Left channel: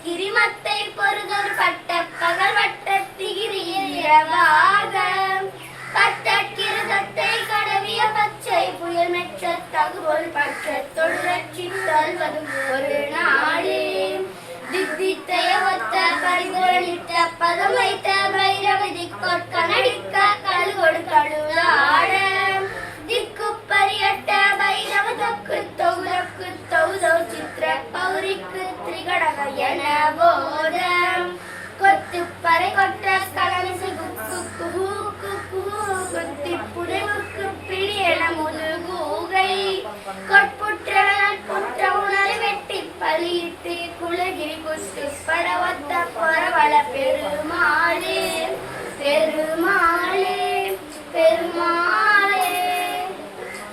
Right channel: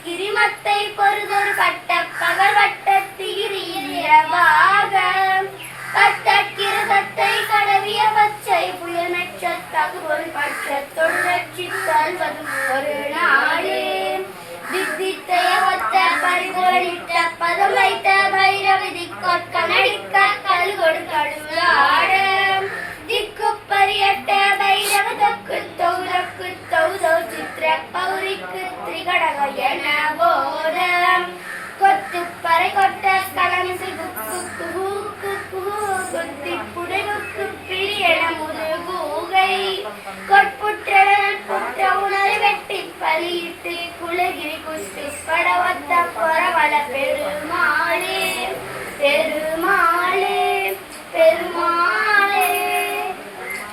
கிரிமத்தை பொறுதொரு பட்ட பகல் வட்ட திகிரிவாக பட்ட கிரதத்தை கடவிய பச்சை புயல் நட்சத்தகு ஒரு பட்சத்தொடு ரட்சித்தல்வதும் ஒரு நாடு தித்தித்தைய ஒத்த பரிகோடிட்ட பதம் வைத்த பைரவி திக்கொற்கனடிக்க கழுகொடு கழுவாட திக்கு பரியட்ட பைரவ தொக்கு தௌதௌ சித்திர பௌரிக்கு திரிகடக என போதம் கொத்து பறை கொட்ட கலமிசு குத்தி புதைவுக்கு பிழியன முதுகூகை கொட்புற்றன நட்புற்ற உணரை வெட்டி பலியிட்டு குலகிரி குஸ்தி படவத்த பரவ